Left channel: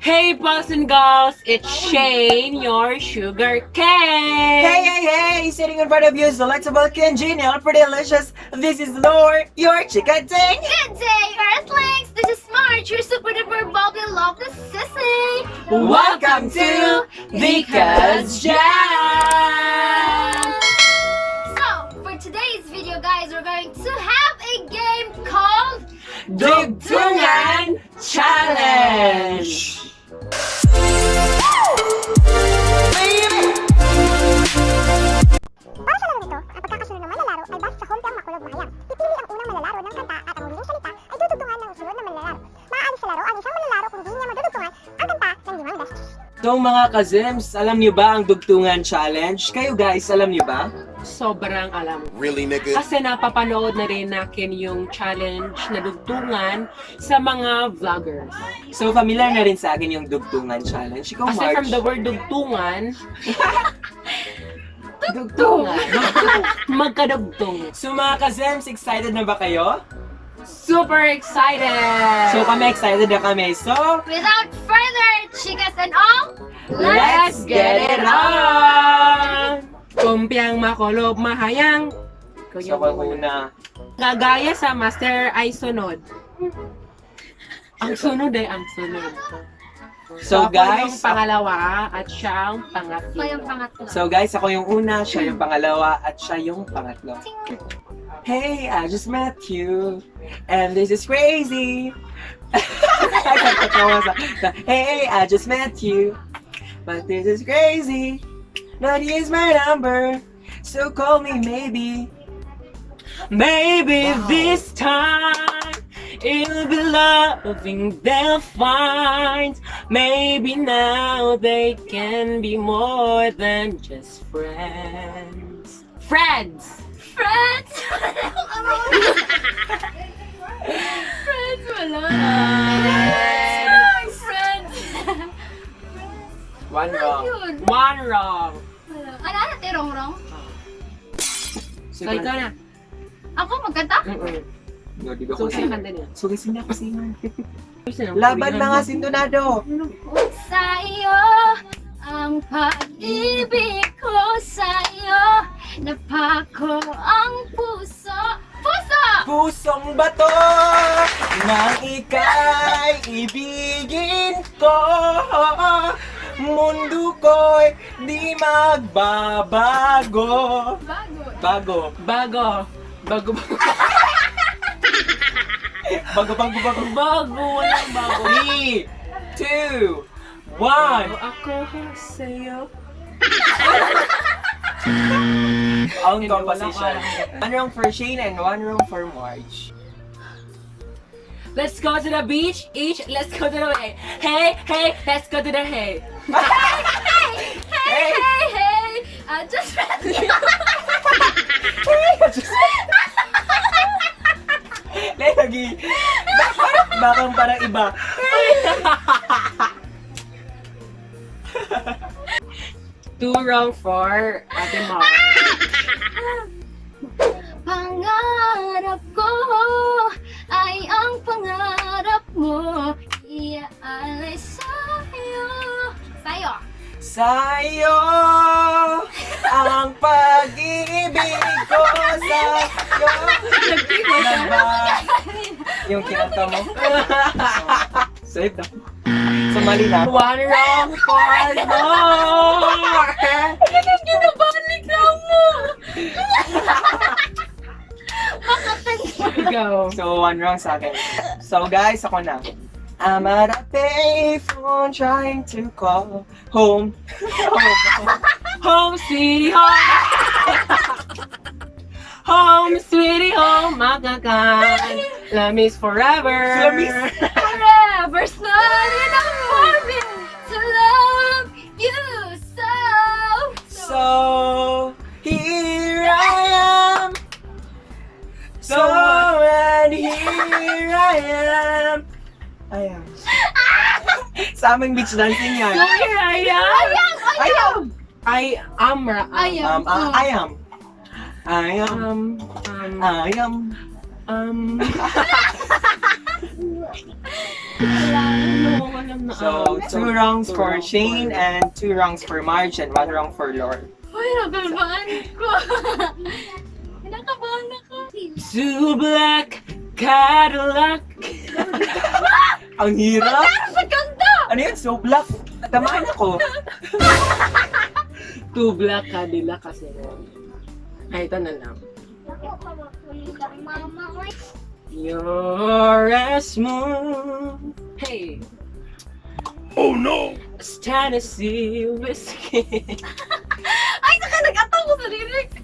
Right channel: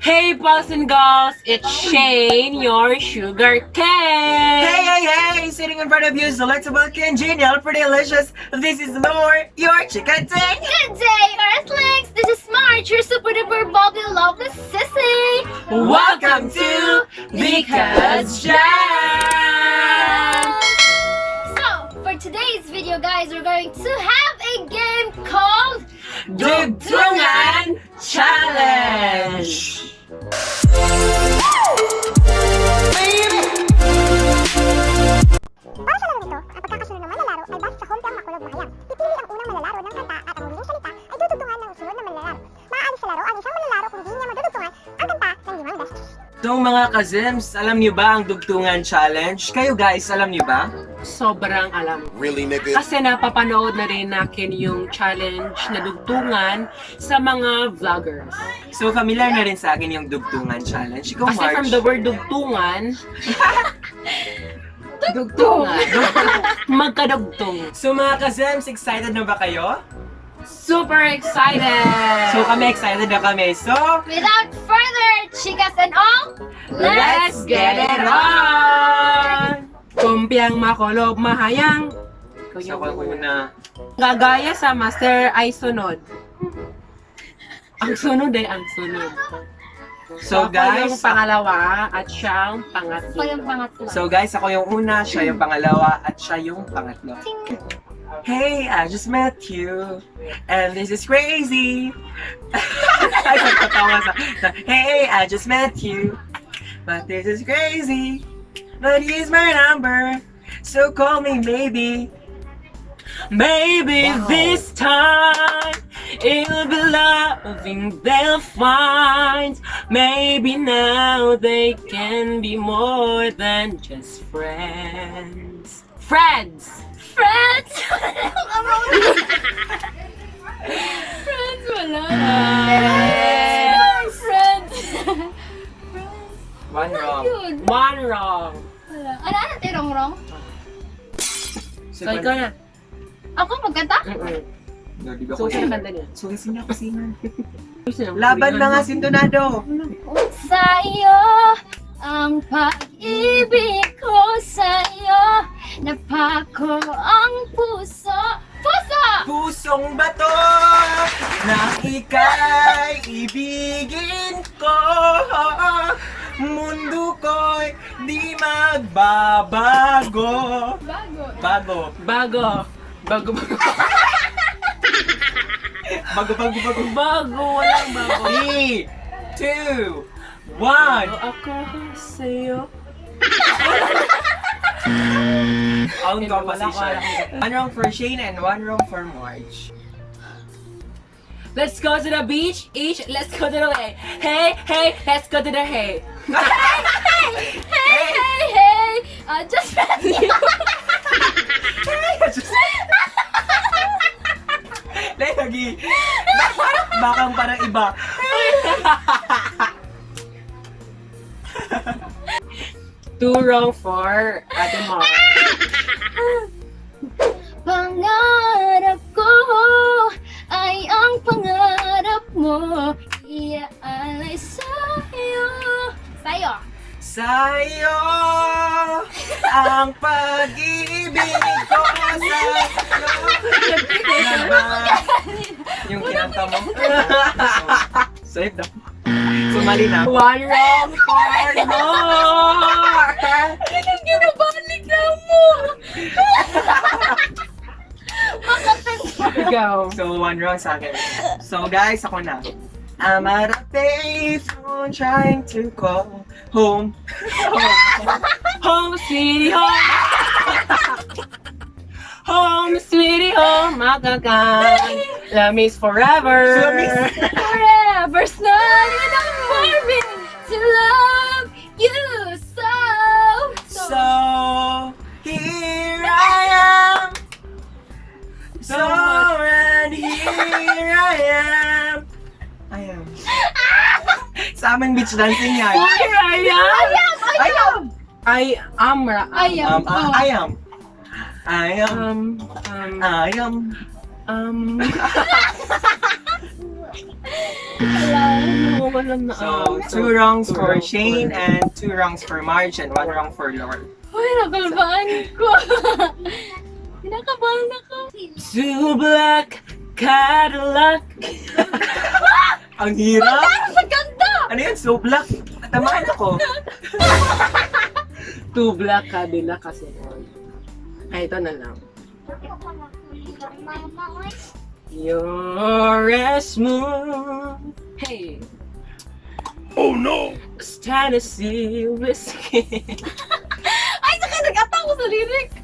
Hey boys and girls, it's Shane, your sugar cane. Hey! Sitting in front of you is delectable, congenial, pretty delicious. This is LOUR, your chicken ting. Good day, Earthlings! This is Marj, your super duper bubbly lovely sissy! Welcome to the Couz Jam. So, for today's video guys, we're going to have a game called Dugtungan Challenge. Para sa laro nito, ang pagkakasunod ng manlalaro ay base sa hometown makulog na hayam. Pipili ang unang manlalaro ng kanta at ang huling salita ay dudugtungan ng sunod na manlalaro. Maaalis sa laro ang isang manlalaro kung di niya madudugtungan ang kanta ng 5 beses. So mga kazems, alam niyo ba ang Dugtungan Challenge? Kayo guys, alam niyo ba? Sobrang alam. Really, nigga? Kasi napapanood na rin natin yung challenge na dugtungan sa mga vloggers. So familiar na rin sa akin yung Dugtungan Challenge. Ikaw, Kasi Marj? from the word dugtungan, dugtungan, magkadugtong. So mga kazems, excited na ba kayo? Super excited! So kami excited na kami. So, Without further chicas and all, let's get it on! Kumpiang makulog mahayang. so ako muna. Gagaya sa master ay sunod. Ang sunod ang sunod. So Ako yung guys, pangalawa at siya ang ito pangatlo. yung pangatlo. so guys, ako yung una, siya yung pangalawa, at siya yung pangatlo. Hey, I just met you, and this is crazy. Ay, nagtatawa sa, hey, I just met you, but this is crazy. But here's my number, so call me maybe. Maybe this time it'll be loving they'll find. Maybe now they can be more than just friends. Friends! Friends! Friends, wala. Friends! One wrong. Yun. One wrong. Wala. Ano tirong-rong? So ikaw na. Ako magkanta? No, di ba So kasi? sino kanta niya? So kasi na kasi man. Sino? Laban mga sintonado. Sa iyo ang pag-ibig ko sa iyo. Napako ang puso. Puso! Pusong bato nang ika'y ibigin ko. Mundo ko'y di magbabago. Bago. Bago. Bago. Bago. Walang bago. 3, 2, 1. Ako sa'yo. Ang Hindi, composition. wala. One wrong for Shane and one wrong for Marj. Let's go to the beach. Let's go to the way. Hey, let's go to the hay. Hey! I just met you. Lagi. Bakang parang iba. Two wrong for Ate Mar. Pangarap ko ay ang pangarap mo. Iaalay sa'yo. Sa'yo. Sa'yo ang pag-ibig ko sa'yo. Yung kinanta mo. Save na. Sumali na. One wrong for Nor. Ginabalik na mo. Go. So, one wrong sa akin. So, guys, ako na. I'm at a payphone trying to call home. Home, sweetie, home. Home, sweetie, home. Magaling. Love is forever. Love is- Forever's not enough for me to love you so. So, here I am. So, and here I am. Sa aming beach dancing yan. Here I am. I am. I am. I am. I am. Oo, walang na. So, 2 wrongs for Shane and 2 wrongs for Marj and 1 wrong for LOUR. Uy, nakalbaan ko. Pinakabahan ako. Two black Cadillac. Ang hirap! Sa ganda! Ano yun? So black? Tamaan ako. Two black Cadillac kasi yun. Ay, ito na lang. You're as smooth. Hey. Oh no! As Tennessee whiskey. Ay, saka nag-ataw ko sa lyrics.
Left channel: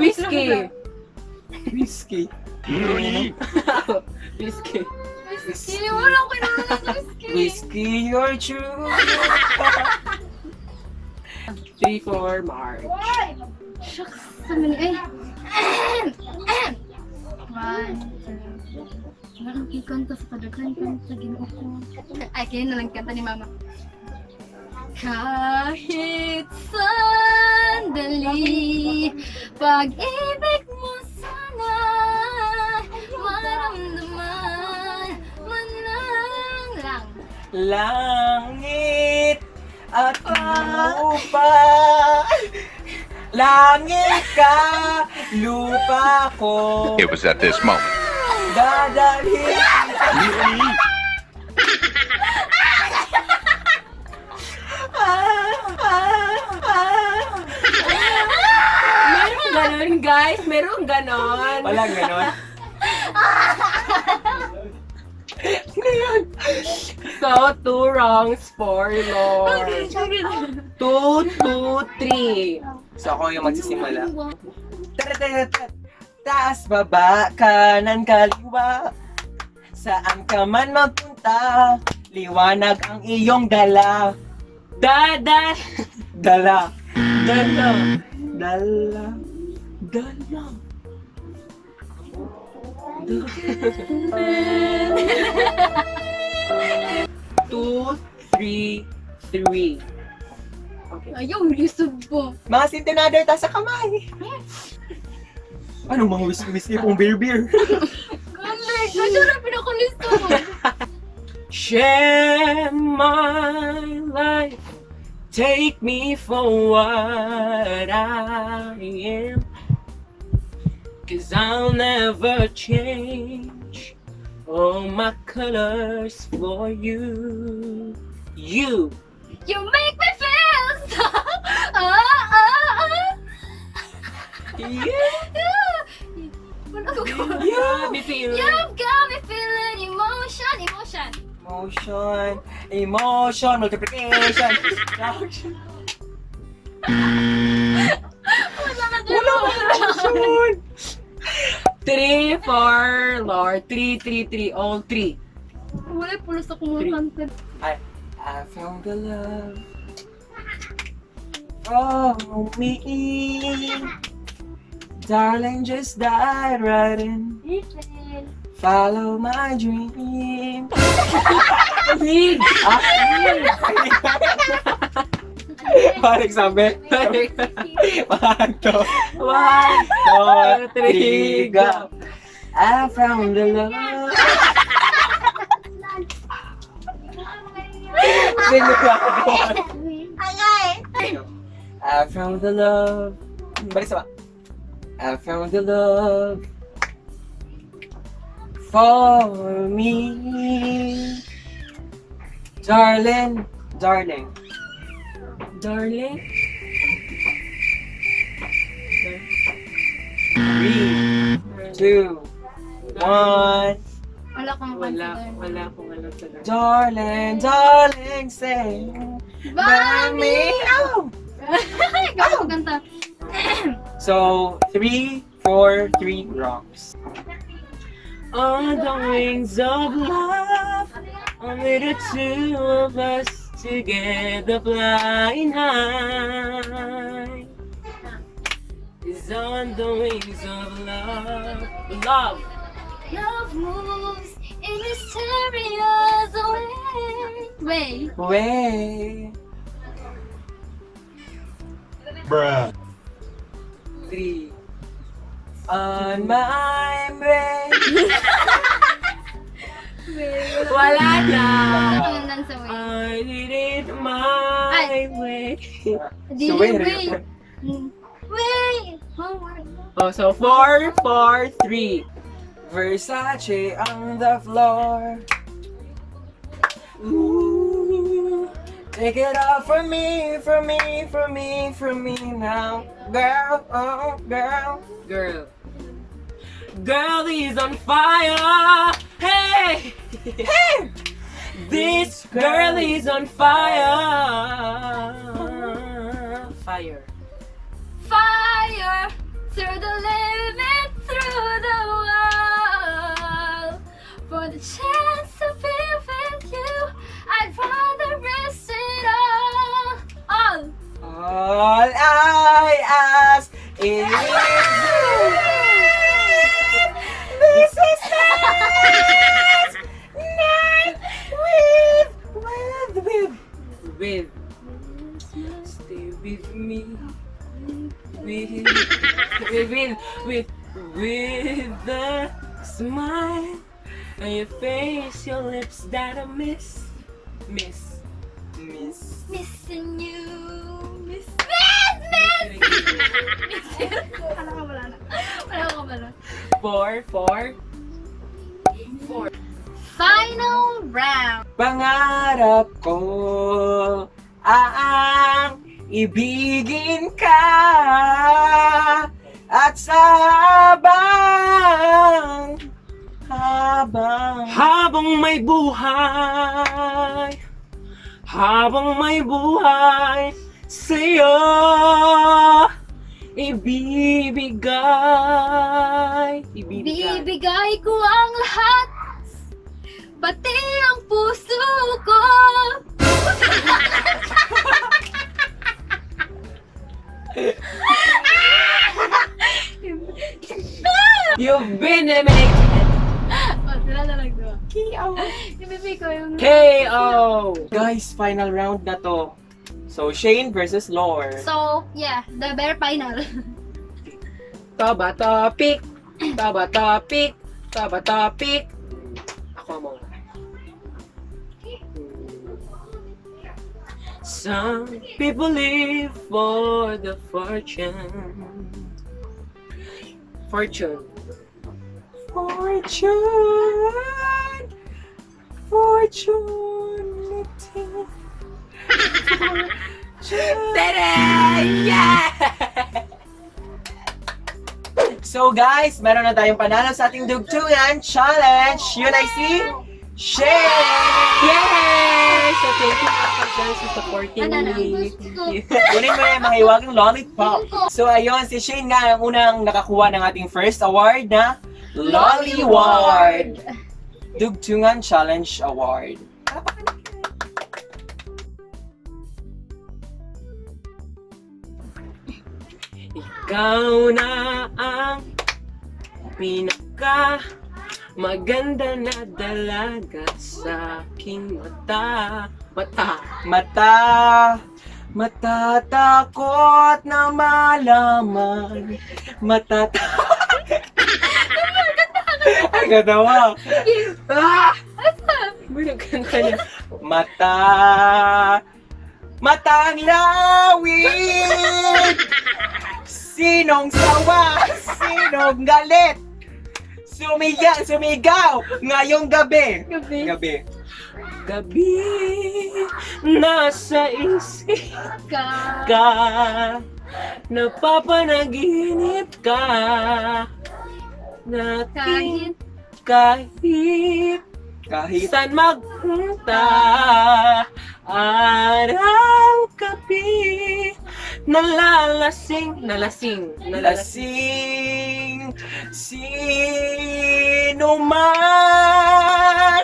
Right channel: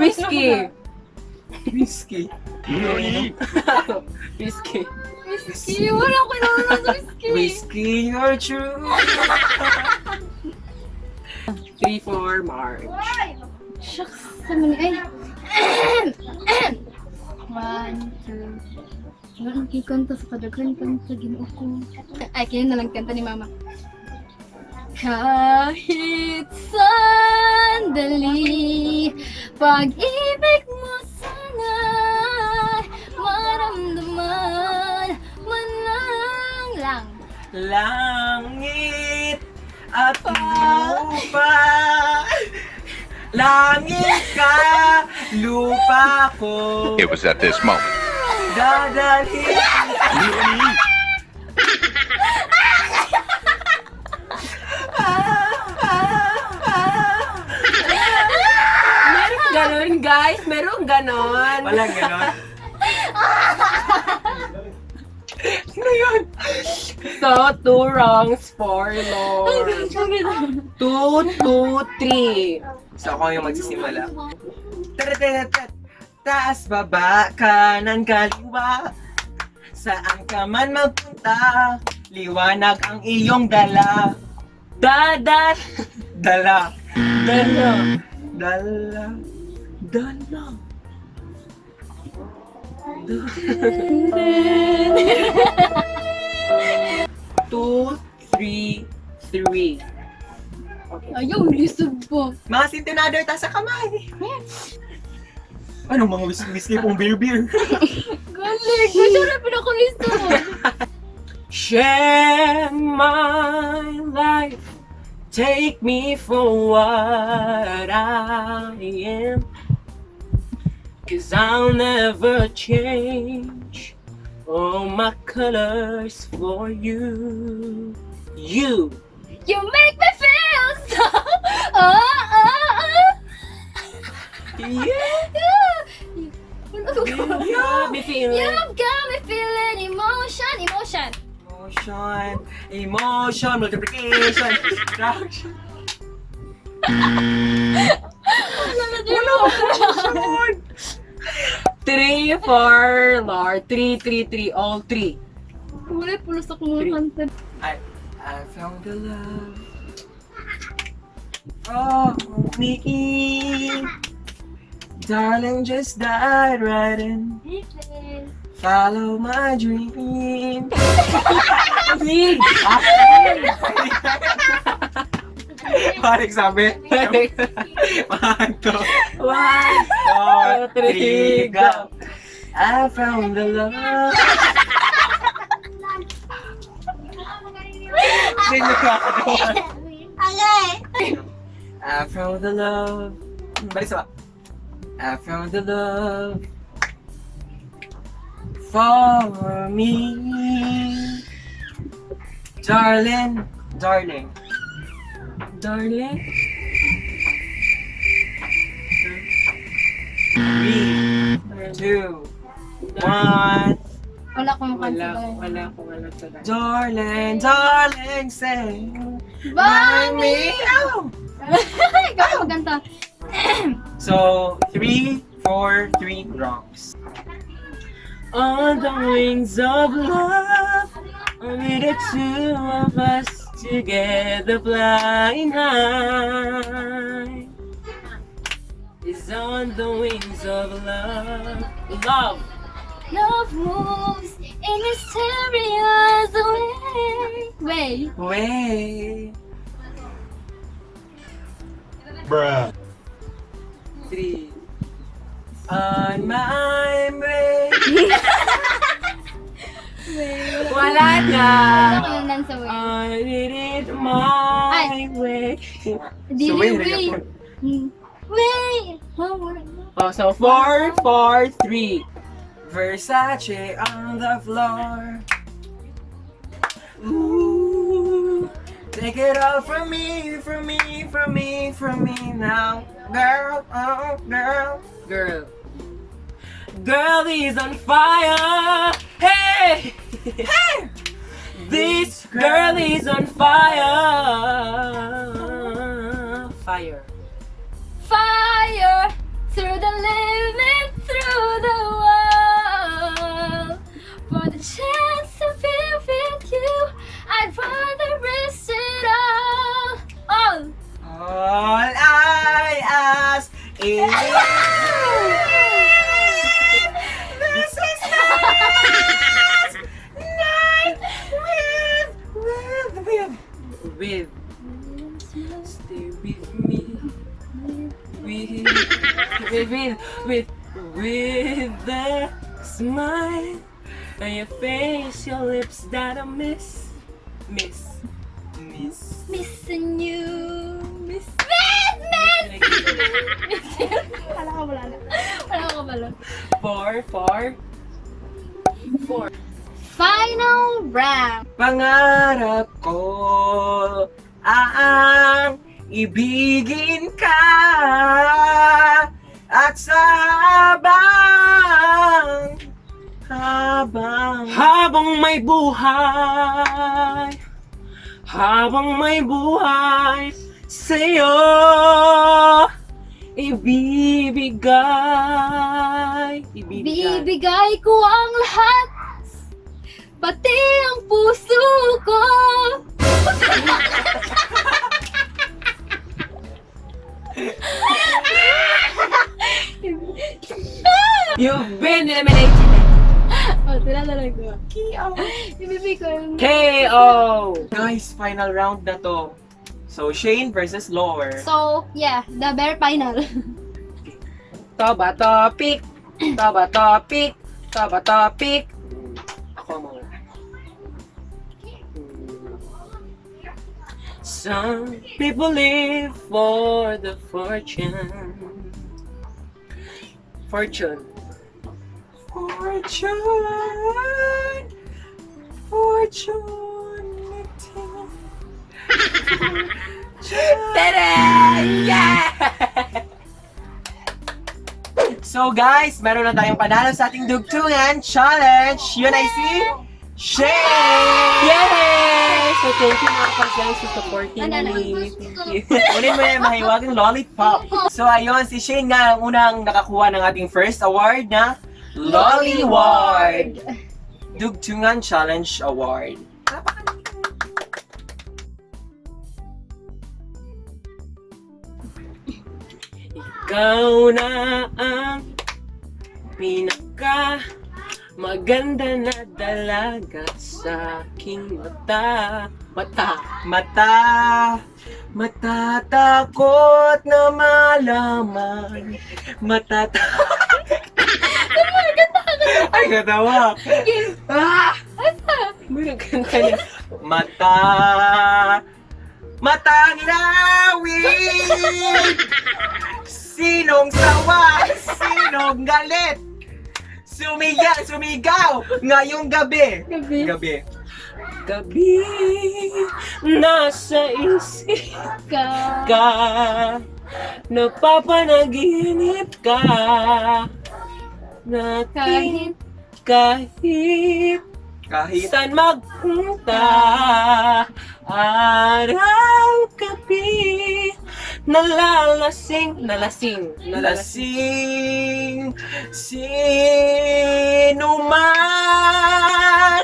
Whiskey. Whiskey. Whiskey. Whiskey. Wala ko nanonood sa whiskey. Whiskey, you're true. 3 for March. Shucks. Saman eh. 1, 2. Wala kang kikanta sa kadaghan kanta. Ginoo ko. Ay, kayo na lang kanta ni Mama. Kahit sandali, pag-ibig mo sana maramdaman man lang. Langit at lupa. Langit ka, lupa ko. It was at this moment. Dadalhin. Meron ganon, guys. Meron ganon. Walang ganon. So, 2 wrongs for Lord. 2, 2, 3. So ako yung magsisimula. Taratat, taas, baba, kanan, kaliwa. Saan ka man magpunta, liwanag ang iyong dala. Dada. Dala. Dala. Dala. Dala. 2, 3, 3. Okay. Ayaw, lisod po. Mga centenader ta sa kamay. Anong mga whisky pong beer? Galing! Kaya na pinakalisod. Share my life. Take me for what I am. 'Cause I'll never change all my colors for you. You. You make me feel so. Yeah. Wala ko. You got me feeling. You've got me feeling emotion. Emotion, multiplication, subtraction. Wala Emotion. 3 for Lord. 3, 3, 3. All 3. Wala pulos ako mga kanta. I found the love. Oh, me. Darling, just dive right in. Follow my dream. Lead. Parang sabi. One, two, 1, 2, 3, go. I found the love. Sino ka? I found the love. Balik sa ba? I found the love for me. Darling. Darling. 3, 2, 1. Wala akong kanta. Wala akong alam sa dahil. Darling, say by me. Oh. Ikaw ang kanta. So, 3, 4, 3 wrongs. On the wings of love, only the two of us together flying high. Is on the wings of love. Love. Love moves in mysterious way. Way. Bruh. 3. On my way. Way. Wala na. Wala naman sa way. I did it my way. Di So, way. way. Way. Homework. Oh, so 4, 4, 3. Versace on the floor. Ooh. Take it all from me, from me, from me, from me now. Girl, oh girl. Girl. Girl is on fire. Hey! Hey! This girl is on fire. Fire. Fire through the limit, through the wall. For the chance to be with you, I'd rather risk it all. All I ask is this is the last night With. Stay with me. With the smile on your face, your lips that I miss. Missing you. Miss. Wala ka wala na. Wala ka wala. 4, 4. Final round. pangarap ko ang ibigin ka at sa Habang may buhay, sa'yo ibibigay. Bibigay ko ang lahat, pati ang puso ko. You've been eliminated. Oh, sila na lang doon. Ibibigay ko yung... KO! Guys, final round na to. So, Shane versus LOUR. So, yeah, the bare final. Toba topic. Ako muna. Some people live for the fortune. Fortune. Tada! Yeah! So guys, meron na tayong panalo sa ating Dugtungan Challenge. Yun ay si Shane! Yay! So thank you mga Couz for supporting Ano na, me. Kunin mo yung mahiwagang lollipop. So ayun, si Shane nga ang unang nakakuha ng ating first award na Lolly Award. Dugtungan Challenge Award. Ikaw na ang pinaka maganda na dalaga sa aking mata. Matatakot na malaman. Ay, gatawa. Ah! May nagkanta niya. Matang lawig. Sinong sawa? Sinong galit? Sumigaw ngayong gabi. Gabi, nasa isip ka, napapanaginip ka, natin kahit saan magpunta, araw, gabi, nalasing, sino man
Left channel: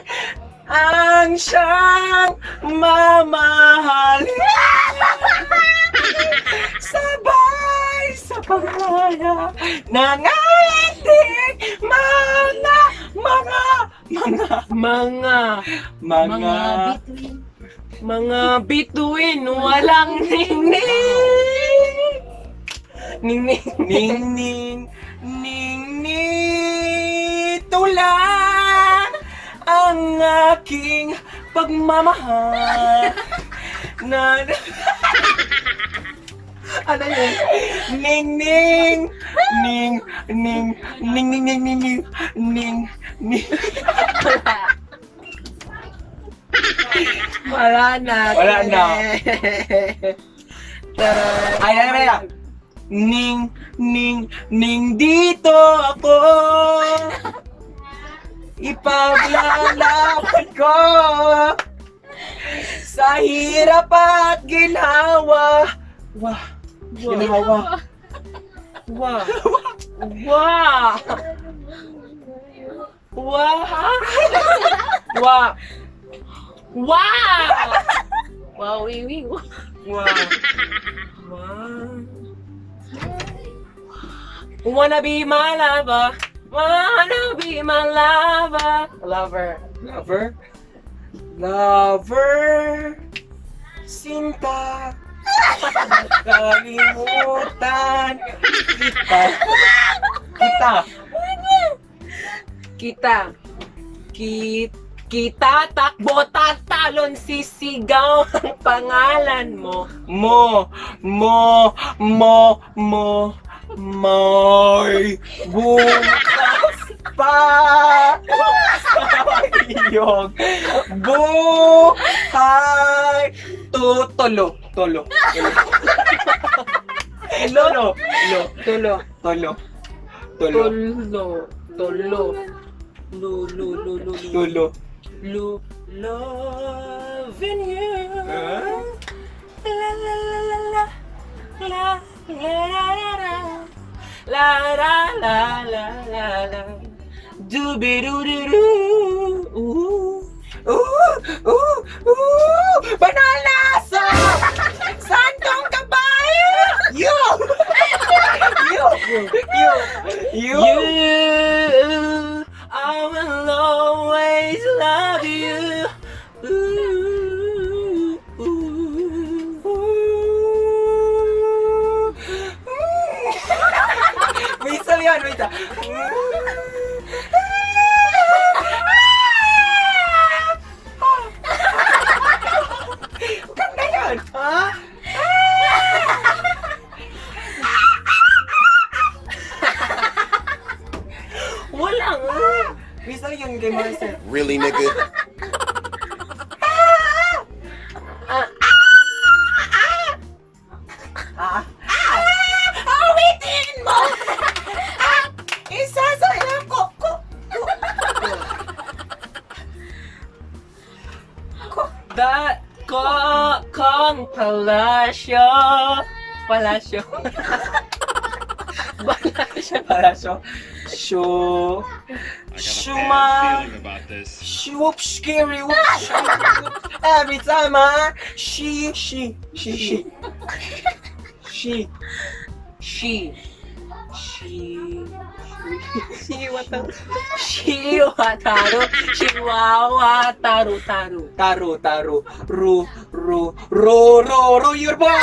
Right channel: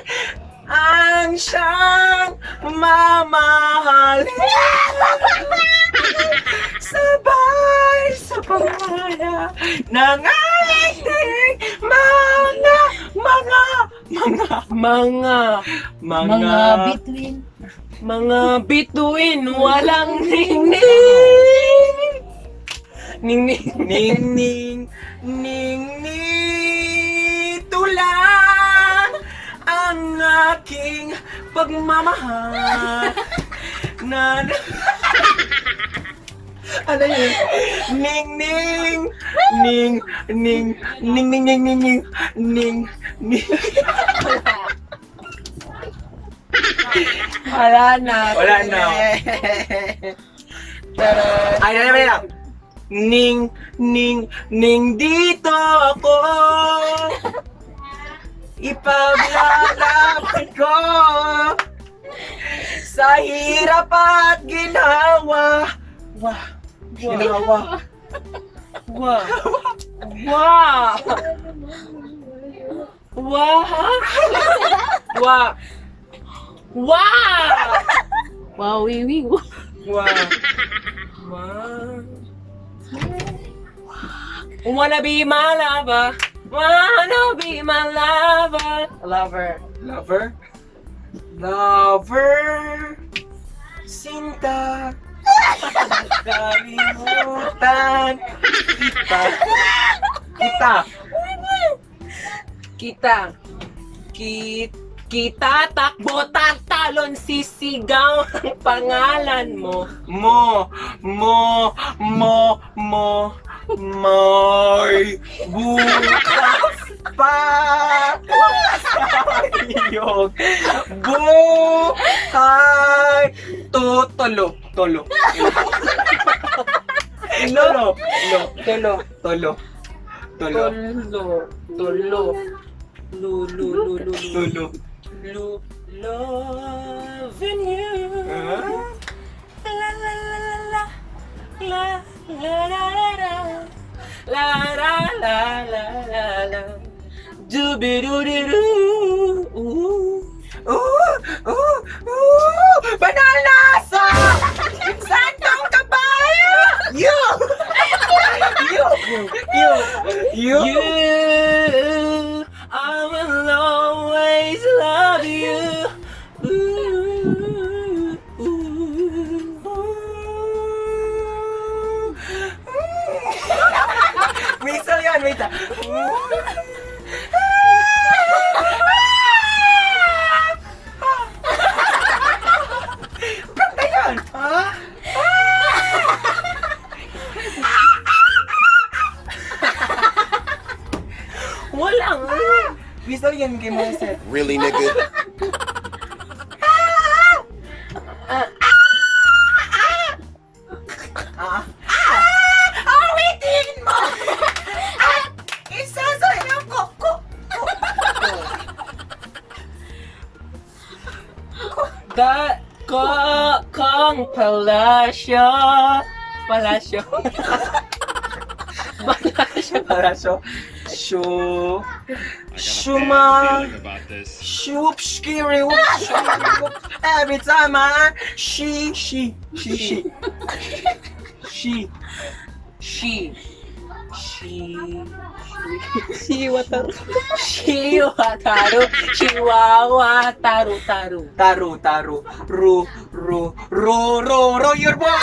ang siyang mamahalin. Sabay sa pamaya ng ating mga bituin, walang ningning. Ningning, tulang ang aking pagmamahal na ano yun? Ning ning ning ning ning ning ning ning ning ning ning. Wala na. Wala na. Ay, na. Ning ning ning dito ako. Ipaglalaban ko sa hirap at ginawa. Wah. Ginawa. Wah. Wah. Wah. Wah. Wah. Wow, wiwi. Wah. Wow. Wanna be my lover. Wanna be my lover. Lover. Lover. Lover. Sinta. Kalimutan. Kita. Kita takbo tatalon sisigaw ang pangalan mo. May bukas pa sayong buhay. Tolo. Loving you. La la la la la. La la la la la. La la la la la la. Dooby-doo-doo-doo. Banalasa! Santong kabayo! You! You, I will always love you. Ooh, ooh, ooh. Wait lang. Kanta yan! Ha? Wala nga. Whistle yan kay Marcel. Really, nigga? Awitin mo! Isasayaw ko! Kong Palasyo. Shuma. Shoop, scary, whoop, every time she, Taru, ru, your boy,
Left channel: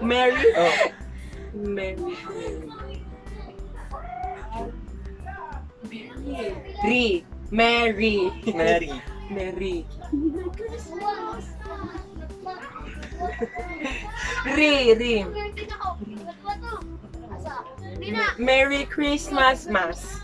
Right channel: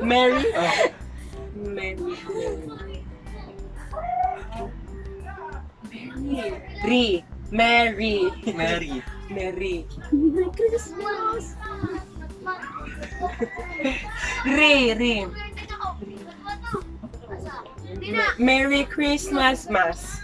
Mary. Oh. Mary. Merry Christmas, Mas.